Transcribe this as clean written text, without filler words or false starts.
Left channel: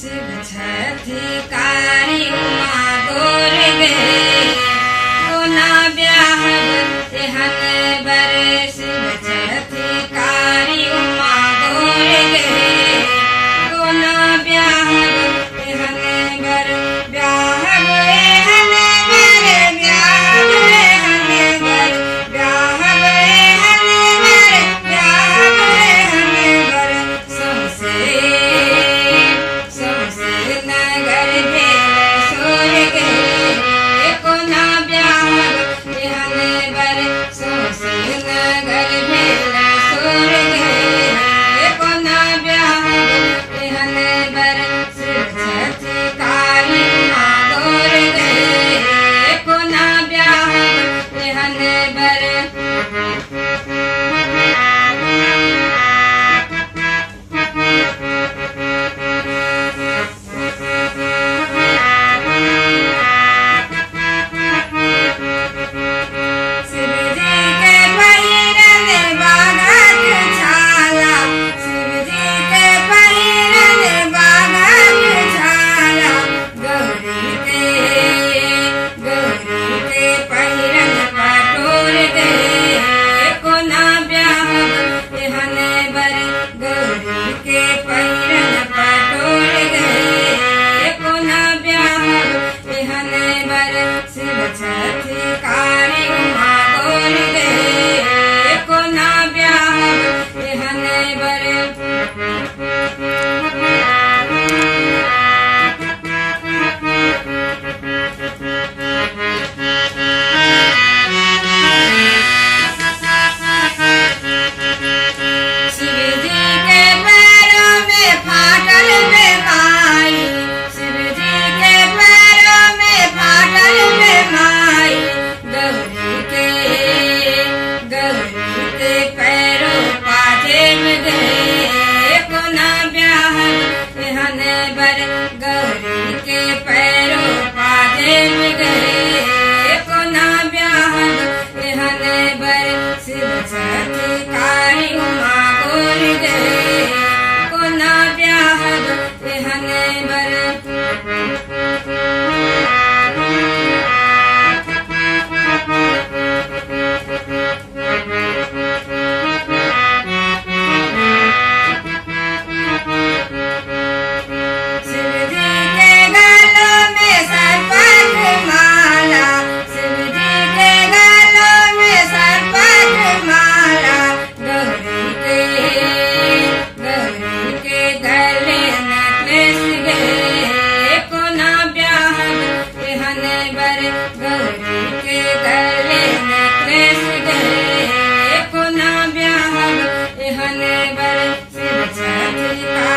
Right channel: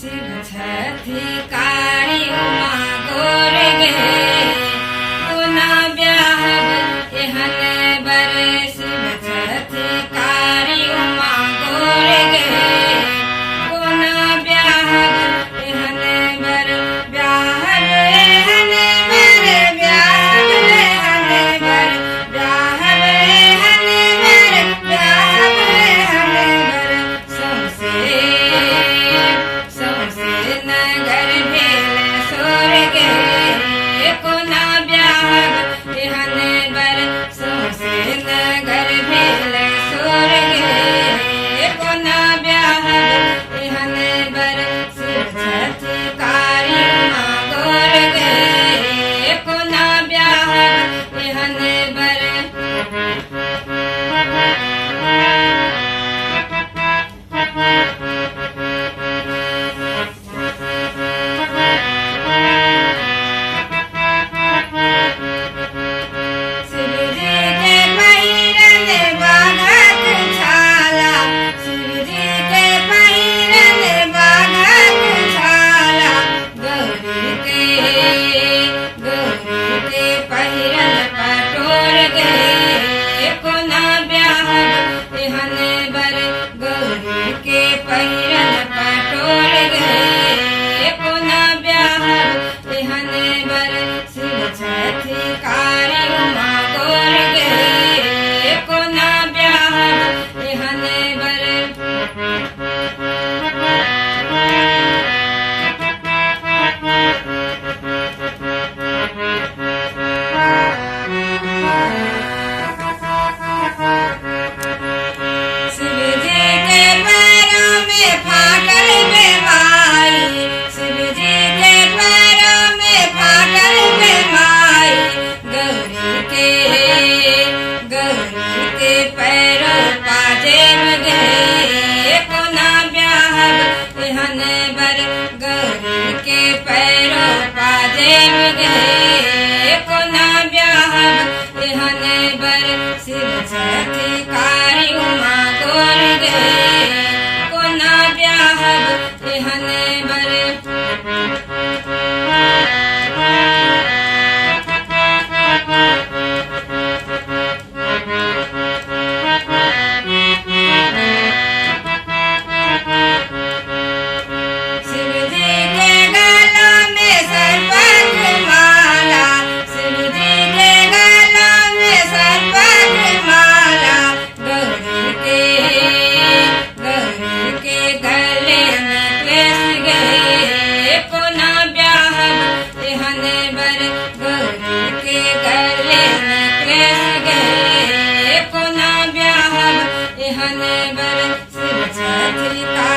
शिव छठी कारी उमा गोर गे कोना ब्याह एहन बर शिव छठी कारी उमा गोर गे कोना ब्याह एहन बर ब्याह एहन बर ब्याह एहन बर ब्याह एहन बर ब्याह एहन बर सौंसे नगर भेल सोर गे कोना ब्याह एहन बर सौंसे नगर भेल सोर गे कोना ब्याह एहन बर शिव छठी कारी उमा गोर गे कोना ब्याह एहन बर शिव छठी कारी उमा गोर गे कोना ब्याह एहन बर शिव छठी